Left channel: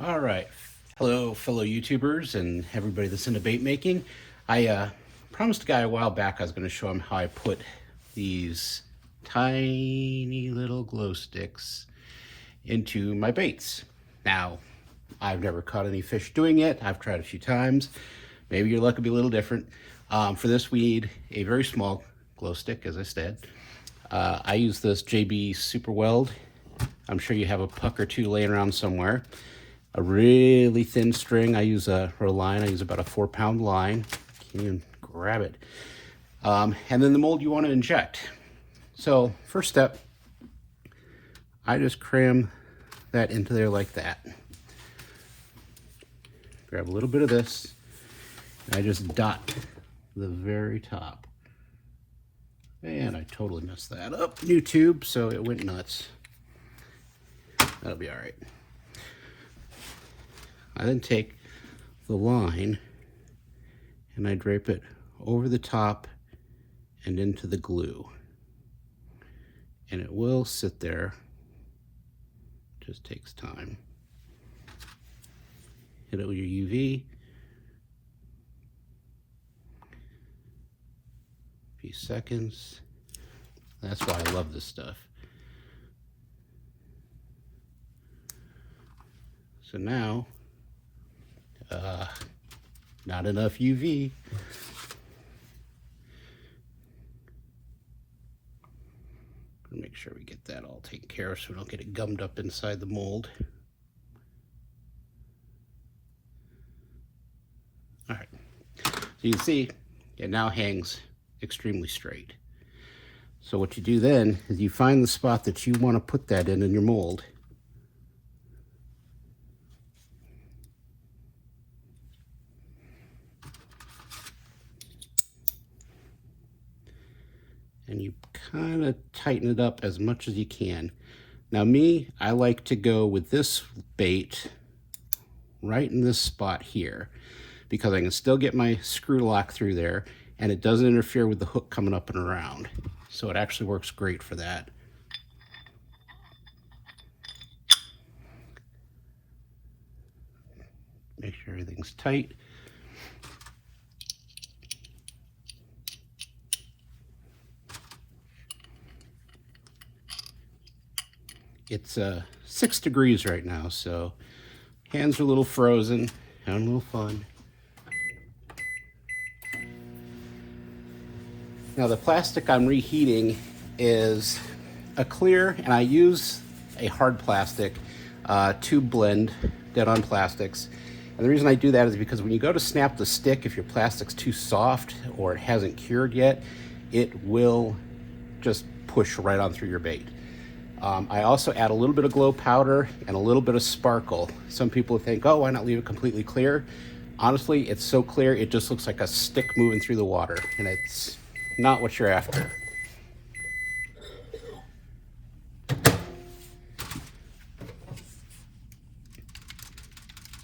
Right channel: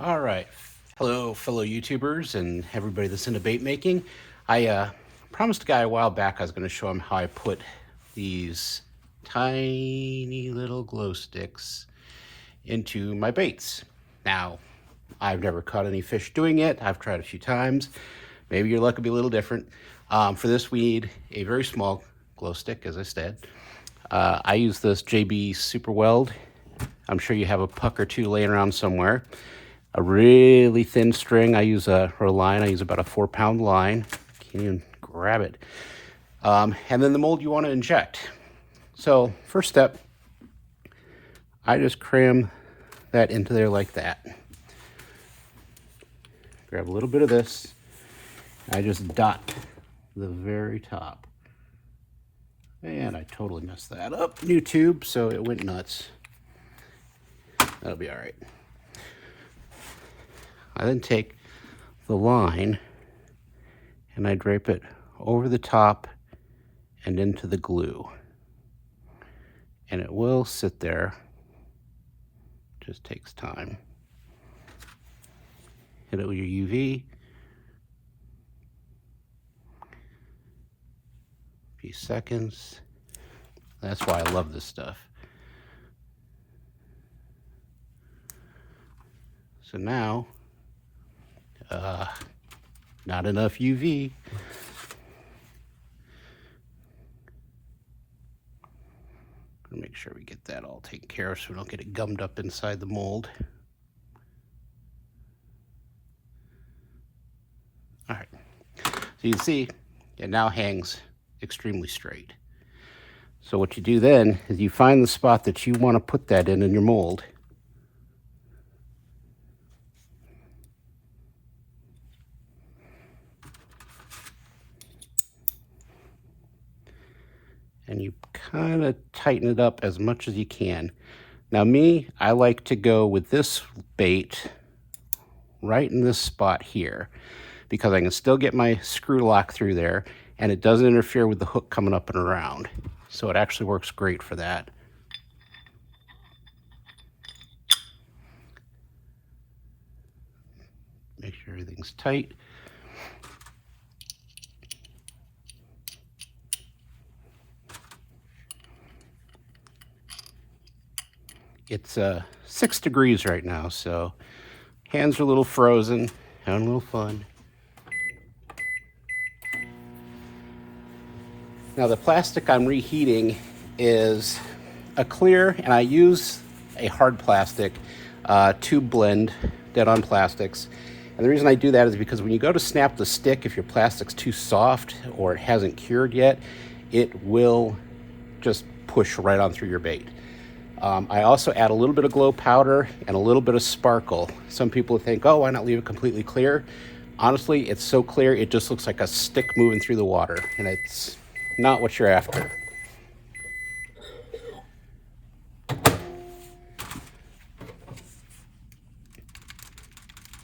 All right. Hello, fellow YouTubers and everybody that's into bait making. I promised a guy a while back I was going to show him how I put these tiny little glow sticks into my baits. Now, I've never caught any fish doing it. I've tried a few times. Maybe your luck will be a little different. For this, we need a very small glow stick, as I said. I use this JB Super Weld. I'm sure you have a puck or two laying around somewhere. A really thin string. I use a line. I use about a 4-pound line. Can't even grab it. And then the mold you want to inject. So first step, I just cram that into there like that. Grab a little bit of this. I just dot the very top. And I totally messed that up. New tube, so it went nuts. That'll be all right. I then take the line and I drape it over the top and into the glue. And it will sit there. Just takes time. Hit it with your UV. A few seconds. That's why I love this stuff. So now, not enough UV. Make sure we get that all taken care of so we don't get it gummed up inside the mold. All right, so you can see it now hangs extremely straight. So what you do then is you find the spot that you want to put that in your mold. And you kind of tighten it up as much as you can. Now me, I like to go with this bait right in this spot here because I can still get my screw lock through there and it doesn't interfere with the hook coming up and around. So it actually works great for that. Make sure everything's tight. It's 6 degrees right now, so hands are a little frozen, having a little fun. Now the plastic I'm reheating is a clear, and I use a hard plastic tube blend, dead on plastics. And the reason I do that is because when you go to snap the stick, if your plastic's too soft or it hasn't cured yet, it will just push right on through your bait. I also add a little bit of glow powder and a little bit of sparkle. Some people think, oh, why not leave it completely clear? Honestly, it's so clear, it just looks like a stick moving through the water, and it's not what you're after.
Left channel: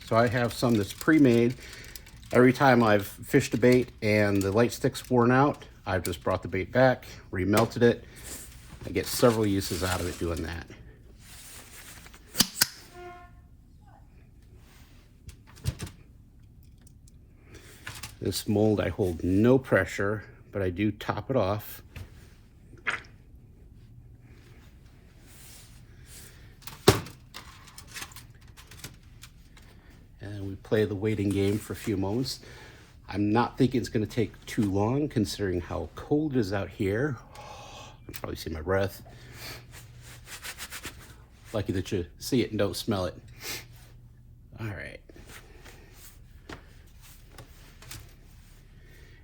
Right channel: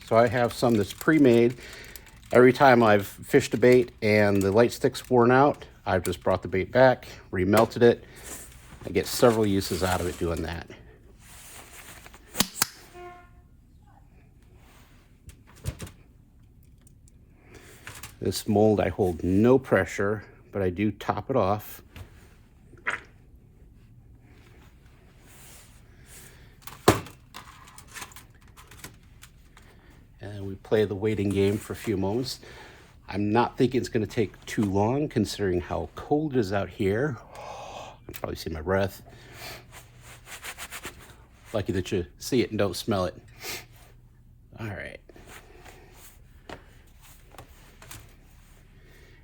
So I have some that's pre-made. Every time I've fished a bait and the light stick's worn out, I've just brought the bait back, remelted it. I get several uses out of it doing that. This mold, I hold no pressure, but I do top it off. And we play the waiting game for a few moments. I'm not thinking it's going to take too long considering how cold it is out here. You can probably see my breath. Lucky that you see it and don't smell it. All right.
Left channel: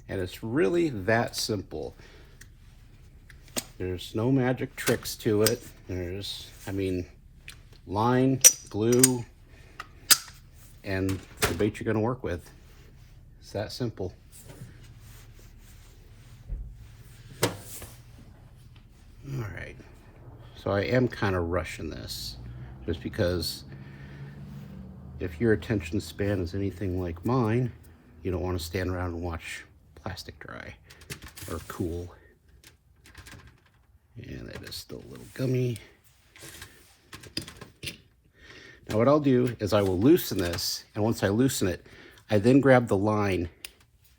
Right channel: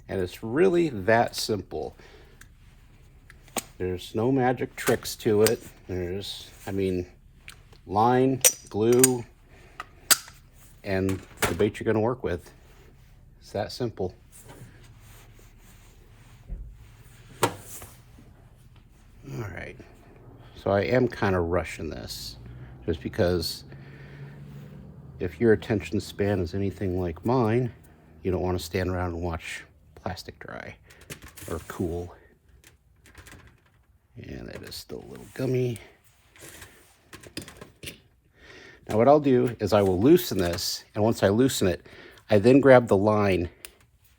And it's really that simple. There's no magic tricks to it. Line, glue, and the bait you're gonna work with. It's that simple. All right, so I am kind of rushing this just because if your attention span is anything like mine, you don't want to stand around and watch plastic dry or cool. And that is still a little gummy. Now what I'll do is I will loosen this, and once I loosen it, I then grab the line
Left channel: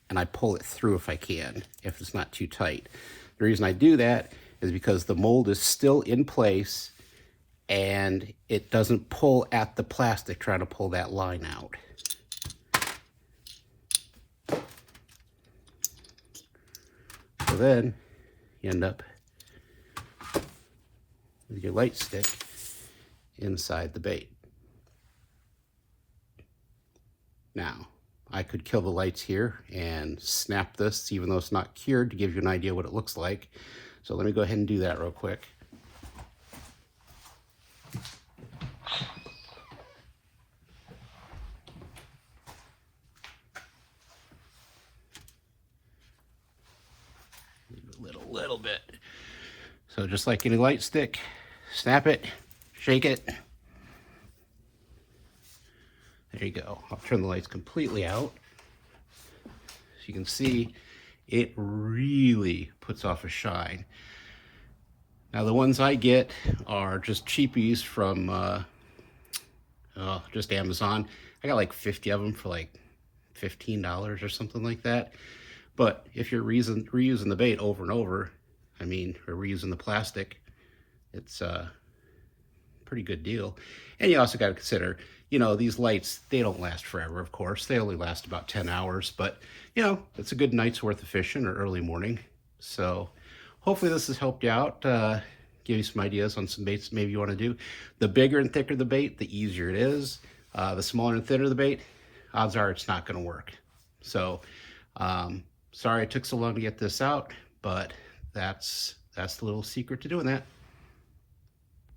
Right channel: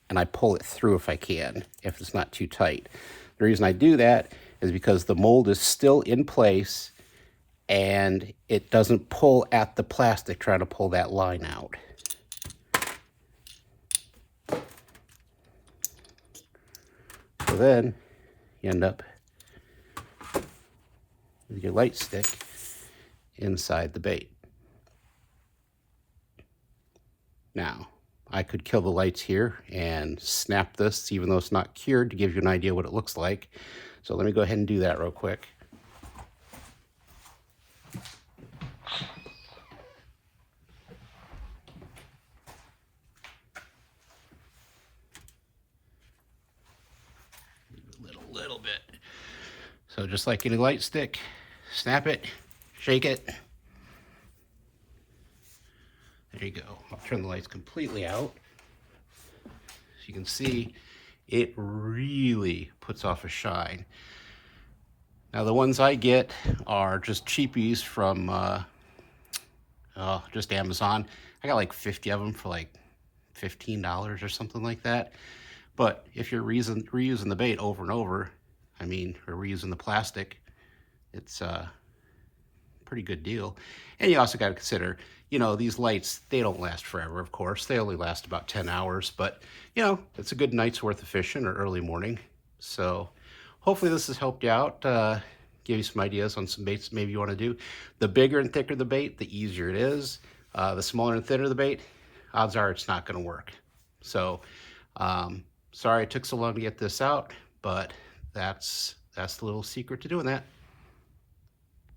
and I pull it through if I can, if it's not too tight. The reason I do that is because the mold is still in place and it doesn't pull at the plastic trying to pull that line out. So then you end up with your light stick inside the bait. Now, I could kill the lights here and snap this, even though it's not cured, to give you an idea what it looks like. So let me go ahead and do that real quick. Little bit. So just like any light stick, snap it, shake it. There you go. I'll turn the lights completely out. As you can see, it really puts off a shine. Now the ones I get are just cheapies from just Amazon. I got like 50 of them for like $15 or something like that. But if you're reusing the bait over and over, I mean, or reusing the plastic, it's a pretty good deal. And you also got to consider, you know, these lights, they don't last forever, of course. They only last about 10 hours, but, you know, it's a good night's worth of fishing or early morning. So hopefully this has helped you out, give you some ideas on some baits maybe you want to do. The bigger and thicker the bait, the easier it is. The smaller and thinner the bait, odds are it's not going to work. So, sorry it took so long to get this out, but that's the little secret to doing that.